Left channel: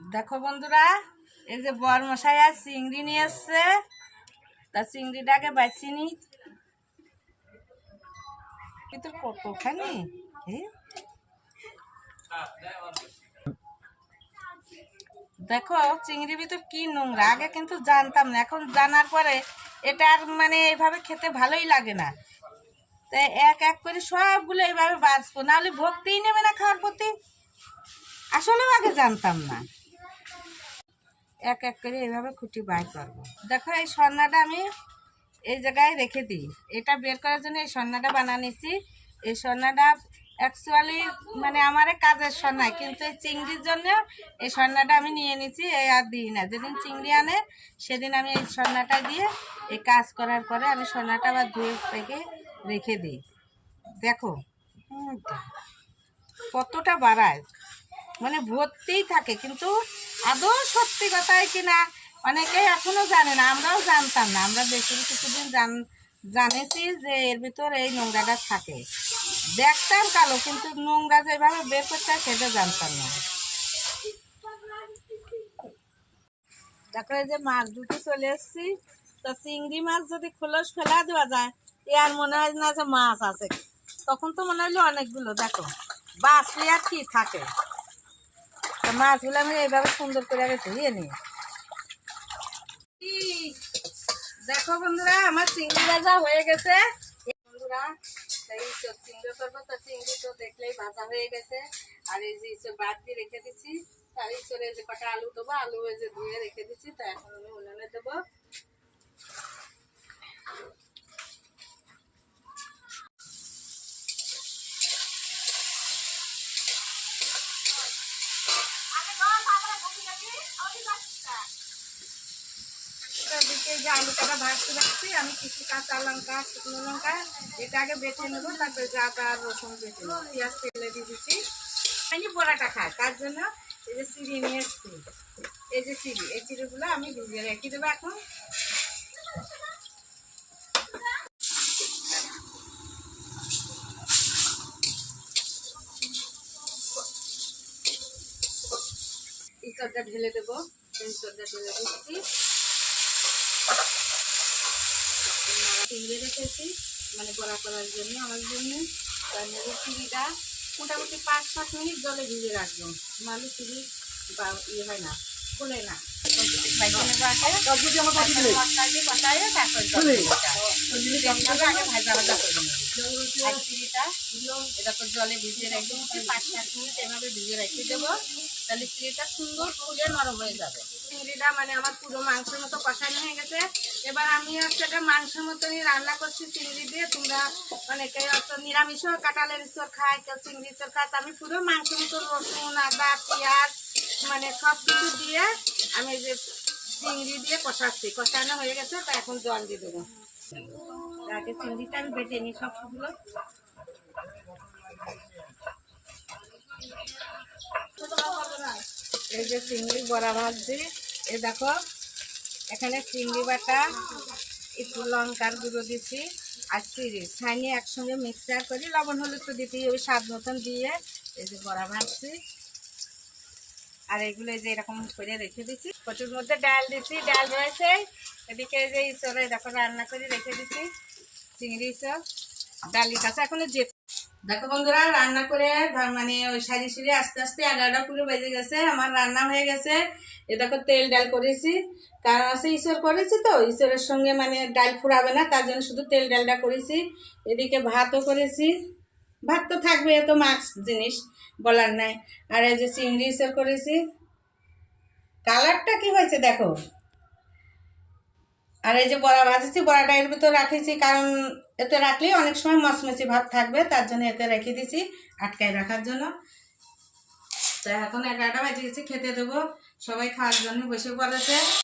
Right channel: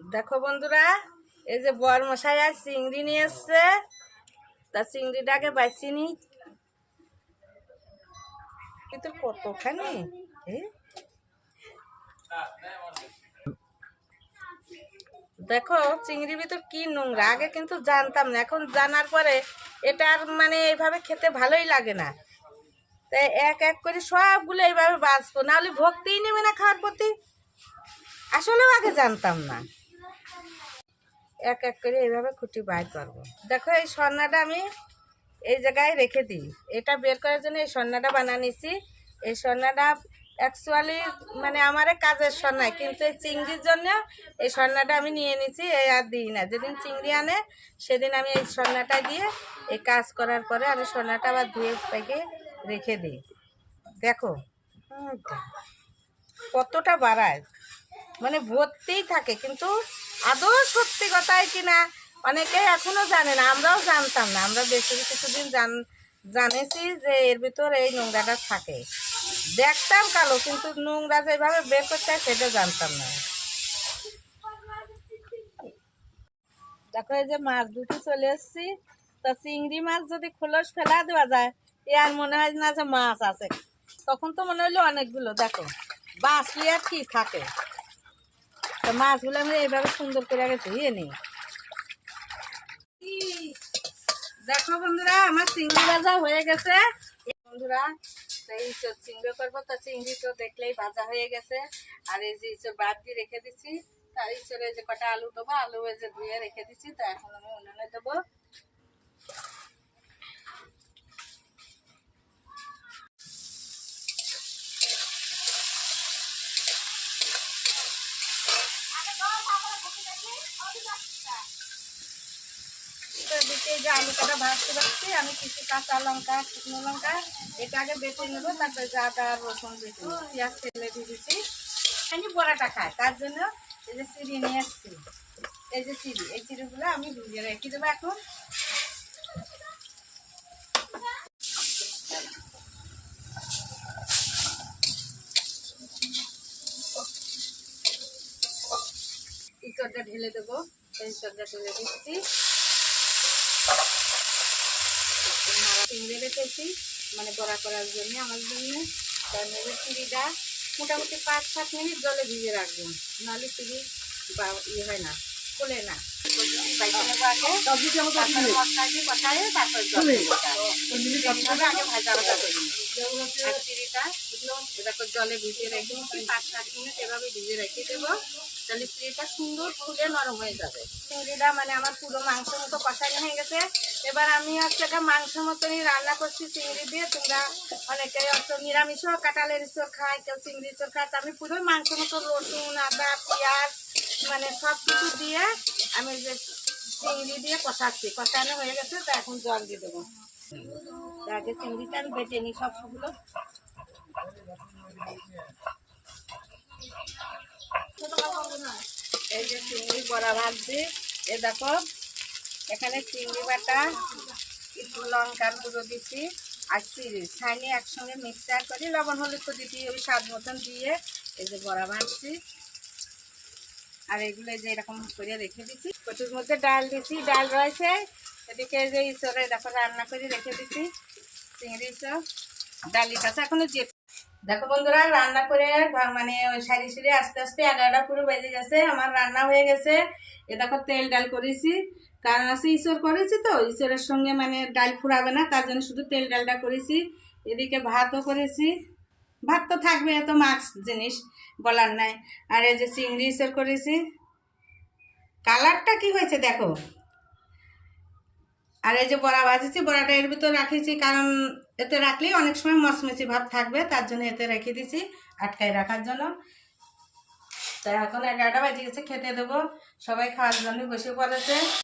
দেখো বন্ধুরা, এই যে বরমশাই আজ চিংড়ি নিয়ে এসছে। তা চিংড়িটাকে বাছি নি। কিন্তু কতখানি দেখো চিংড়ি ভিতর কি নোংরা। আগে কিন্তু জানতাম না, এখন জানার পরে এটা আর মানে এইভাবে খেতে ভালোই লাগে না। তাই এক এক করে সবগুলো এইভাবে বাঁচবো, নাহলে ভক্তিই নেবে না খাওয়ার প্রতি। আসলেও আগে জানতাম না। এক এক করে এইভাবে খুঁটি বাইর করবো। দেখো এই সন্নাটা আমি এই জায়গায় রেখে দিই। এটা বের করার জন্য এই সন্নাটা বানানিছি। এই সন্নাটা অ্যাকচুয়ালি মানে আমার কাজের সন্ন্যায়, কিন্তু এই চিংড়ির জন্য এই সন্নাটা আমি নিয়ে নিছি। এই আর দিই না, যেদিন চিংড়ি আনে সেদিন আমি এই সন্নাটা দিয়ে এই কাজ করার পরে আমি সন্নাটা আবার ধুয়ে পেকে রেখে দিই। দেখো কতটা বাড়ায়, মানে ভর্তিই থাকে, কিন্তু আদৌ সত্যি কথাই কিনা অনেকেই এখনও জানে না। আমরাও জানতাম না। আমরা বেশি কিছুদিন জানেছি যে এর ভিতর এই নোংরাটা থাকে। দেখতাম কালো, কিন্তু নোংরা যেভাবে বের করতে হয় সেটা জানতাম না। দেখো এই যে মাছ দুটো চলে এসেছি। তা চিংড়ি মাছ যদি খোলস ফেলা দেওয়া যায়, এ আর মনে হয় না যে মাছ আছে। তখন তো মনে হলো অনেকগুলো। দেখো বাঁচলে আর কি থাকে। তো মাছগুলো আমি এইভাবে সুন্দর করে আগে ধুয়ে নিই। দেখো বন্ধুরা, আমার চিংড়ি ভাজা হয়ে গেছে। বন্ধুরা এই চিংড়ি করবো, তা চিংড়ি তো দেখলেই ভাজা হয়ে গেছে। আর এই যে বাদ দিয়ে রেখে দিচ্ছি। তার ইচড়ে যে কটা আলু দেবো, আলু এই যে ধুয়ে রেখে দিচ্ছি। তা এখন আমি উনুনে দেবো। দিকে যে আলু কাটা ভাজতে রাখছি, আমি কিছু কাঁচা লঙ্কা, শুকনো লঙ্কা এটা আগে বেটে নেবো। তারপরে আদা রসুন বেটে নেবো, পেঁয়াজ তেলে দিয়ে দিচ্ছি। আমি বড়াটা খাই, তার জন্য এই যে চিড়ি নিয়ে এসছি। এই যে চিড়ি, এই চিড়িগুলো আমি ভিজিয়ে রেখে দেবো। এখন ইঁচড়টা ঢেলে দেবো। এই ইঁচড়টা ঢেলে দিচ্ছি। চিংড়ি রেখেছি মানে বড়া করার জন্য, আমার জন্য। তার চিড়িটা মোটামুটি 5-7 মিনিট জলে ভিজে রাখবো, নাহলে চিড়ি বা ইয়ে হয় না, খোলে না। আগে ভাজা ভাজা করে নেবো। আর চিড়িটা এরকম জলে ভিজিয়ে রেখে 5-7 মিনিট এভাবে ভিজে রেখে দেবো। তাহলে চিড়িটা সুন্দর ফুলে নরম হয়ে যাবে। চিংড়িটা মানে আমার পুরো মাংসের মতো কষানো হয়ে গেছে। এবার আমি হচ্ছে এটা মাংসের মতনই রান্না করছি চিংড়ি দিয়ে। তোমরা অনেকে হচ্ছে নিরামিষও কাঁঠালের ইঁচড় খায়, কেউ চিংড়ি ইঁচড় খায়। আমি পুরো মাংসের মতো রসুন, আদা, পেঁয়াজ মানে সব কিছু দিয়ে আমি যে চিংড়ি দিয়ে কষাচ্ছি। কষানো হয়ে গেছে, তা এখন জল দিয়ে দেবো। আগে চিংড়িটা আমি বেটে নিই সবগুলো। এই যে চিংড়ি বড়া ভাজছি। এ দেখো এখানে চিংড়ি বাটা, একটু লঙ্কার গুঁড়ো দিচ্ছি আর চিড়ি ছাইনি একসঙ্গে মিক্সচার করে লবণ হলুদ তো দিতেই, ওই স্বাদ মতন দিয়ে এই যে বড়া ভাজছি। আর এগুলো যে এরকম করে রেখে দিচ্ছি। কচুর মধ্যে ডাল দিচ্ছি, ডাল রয়েছে। এদিকে যে ইঁচড়ে দেখো রান্না করে রেখে দিচ্ছি চিংড়ি ইঁচড়। ডালির কাছে এখনো যে দেখো বন্ধুরা, রান্না করে মানে ওই সারি সিঁড়ি আস্তে আস্তে 11টা পুরো বেজে গেছে। আমার রান্না হয়ে গেছে। এ দেখো তেল ডাল করেছি, কারণ আছে ইঁচড় করেছি তো ইঁচড়ের সঙ্গে মানে ডাল ফুরাবে না, তার জন্য শুধু তেল ডালটা করেছি। এদিকে ভাতও করেছি। ভাত তো থাকবে, এত মাছ জিনিস বলার নাই। আর এই যে চিংড়ি ইঁচড় করেছি। কালারটা কি হয়েছে দেখো। আর এই যে বড়া ভাজেছি, বড়াটা এর ভিতর রাখেছি, কারণ এতে রাখলেই অনেক সময় মচমচি ভাব থাকবে, তার জন্য এতে রেখে দিছি আটকায় রাখার জন্য। তো এখন 11টা বাজে গেছে, খেতে দেবো। সবাই খাওয়ার জন্য বসে পড়েছে।